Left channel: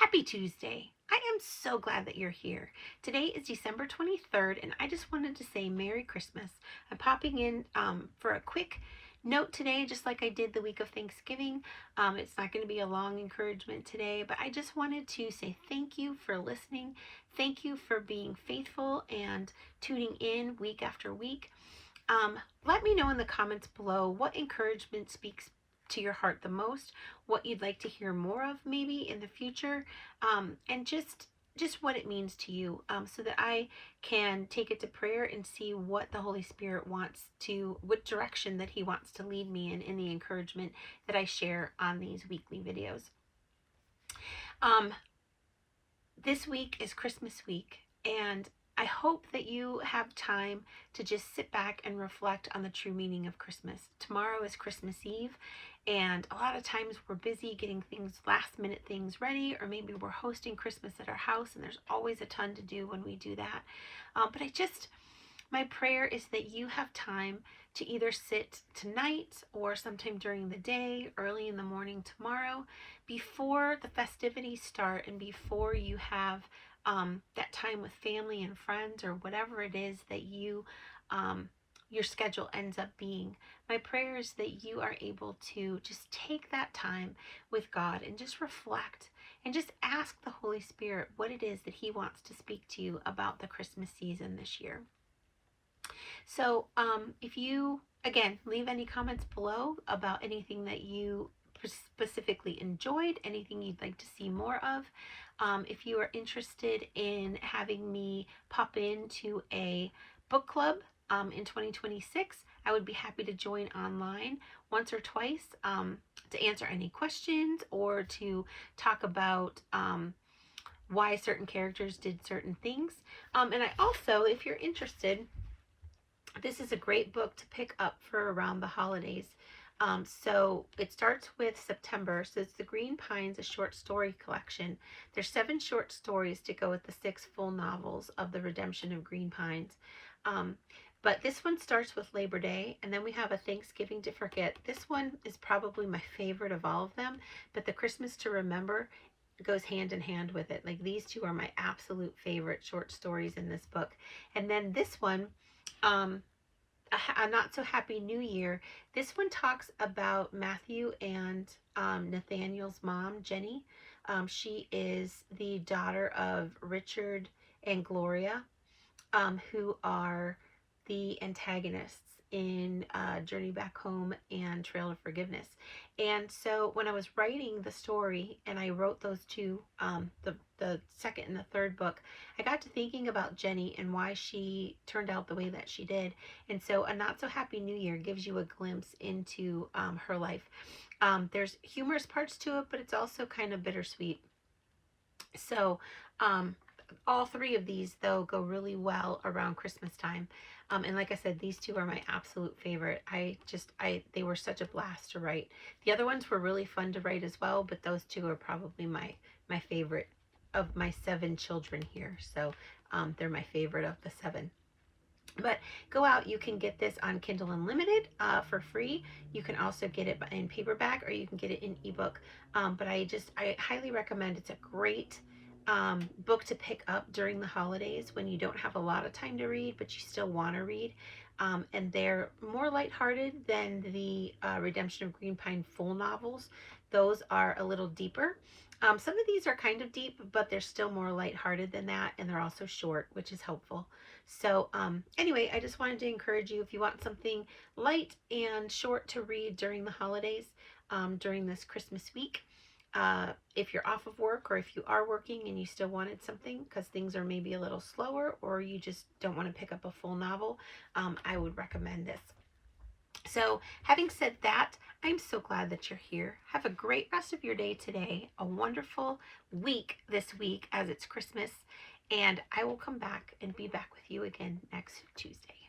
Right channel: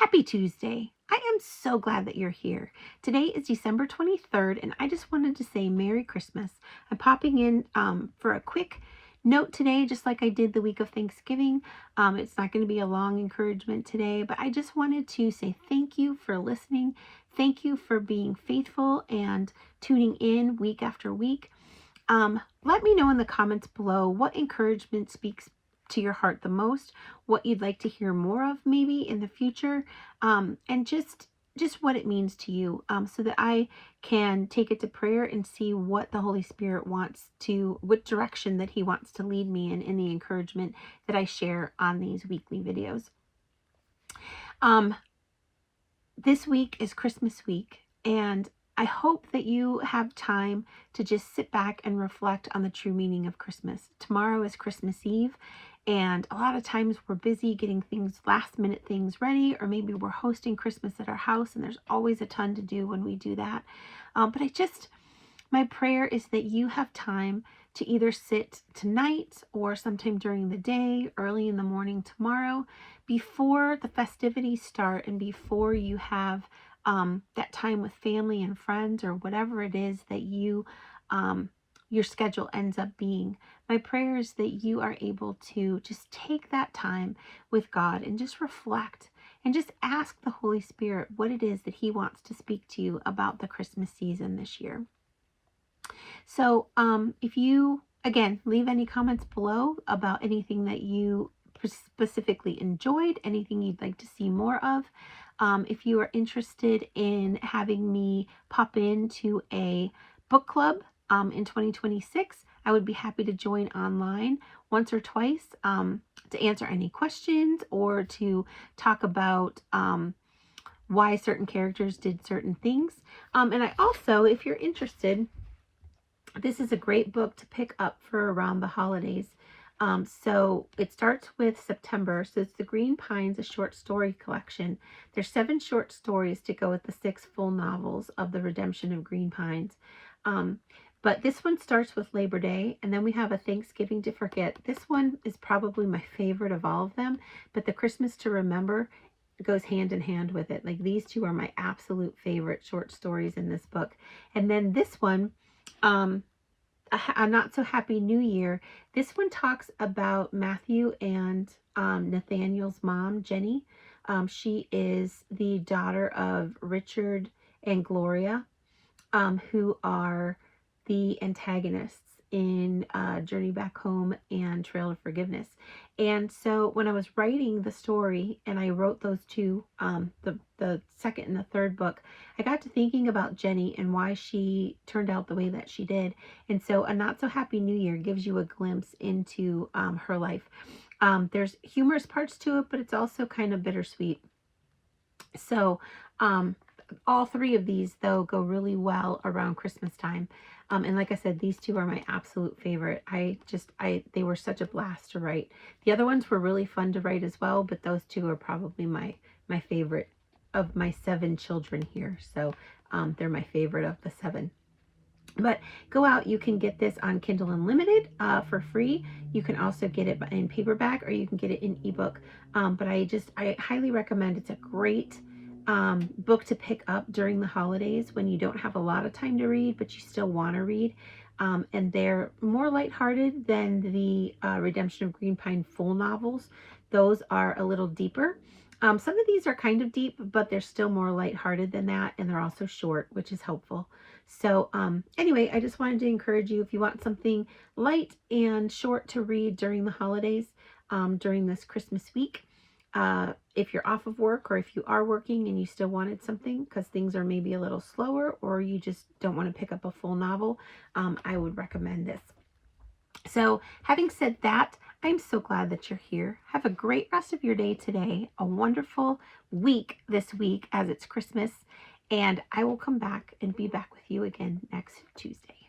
Happy Tuesday. I am so glad that you're here. Today is December 23rd, and I just wanted to say Merry Christmas. I'm popping in for a quick note today, just like I did the week of Thanksgiving. It's not going to be a long encouragement today, but I just wanted to say thank you for listening. Thank you for being faithful and tuning in week after week. Let me know in the comments below what encouragement speaks to your heart the most, what you'd like to hear more of maybe in the future, and just what it means to you, so that I can take it to prayer and see what the Holy Spirit wants to, what direction that He wants to lead me in the encouragement that I share on these weekly videos. This week is Christmas week, and I hope that you have time to just sit back and reflect on the true meaning of Christmas. Tomorrow is Christmas Eve, and a lot of times we're busy getting things, last minute things ready, or maybe we're hosting Christmas at our house, and there's always a ton to do when we do that. But my prayer is that you have time to either sit tonight or sometime during the day, early in the morning tomorrow, before the festivities start and before you have that time with family and friends or whatever it is that your schedule ends up being. My prayer is that you are able to just take that time with God and just reflect and just ask the Holy Spirit what it is that He wants to speak to you about the Christmas season this year. So if you, again, leave any comments below about anything that you specifically enjoyed, anything you'd like to see more of. If you are interested in having me pop into a book club in 2026, I would be happy to join online once or twice to answer any questions or to talk about why certain characters did certain things. And I also, if you're interested, this is a great book to pick up for around the holidays. So it starts with September. So it's The Green Pines, a short story collection. There's 7 short stories to go with the 6 full novels of the Redemption of Green Pines. But this one starts with Labor Day, and then we have a Thanksgiving to Forget. This one is probably my favorite of all of them, but the Christmas to Remember goes hand in hand with it. Like, these two are my absolute favorite short stories in this book. And then this one, a Not So Happy New Year. This one talks about Matthew and Nathaniel's mom, Jenny. She is the daughter of Richard and Gloria, who are the antagonists in Journey Back Home and Trail of Forgiveness. And so when I was writing the story, and I wrote those two, the second and the third book, I got to thinking about Jenny and why she turned out the way that she did. And so A Not So Happy New Year gives you a glimpse into her life. There's humorous parts to it, but it's also kind of bittersweet. So all 3 of these, though, go really well around Christmas time. And like I said, these 2 are my absolute favorite. They were such a blast to write. The other ones were really fun to write as well, but those 2 are probably my favorite of my 7 children here. So they're my favorite of the 7. But go out, you can get this on Kindle Unlimited for free. You can also get it in paperback, or you can get it in ebook. But I highly recommend. It's a great book to pick up during the holidays when you don't have a lot of time to read, but you still want to read. And they're more lighthearted than the Redemption of Green Pine full novels. Those are a little deeper. Some of these are kind of deep, but they're still more lighthearted than that, and they're also short, which is helpful. So anyway, I just wanted to encourage you, if you want something light and short to read during the holidays, during this Christmas week, if you're off of work, or if you are working and you still wanted something because things are maybe a little slower, or you just don't want to pick up a full novel, I would recommend this. So having said that, I'm so glad that you're here. Have a great rest of your day today, a wonderful week this week as it's Christmas, and I will come back and be back with you again next Tuesday.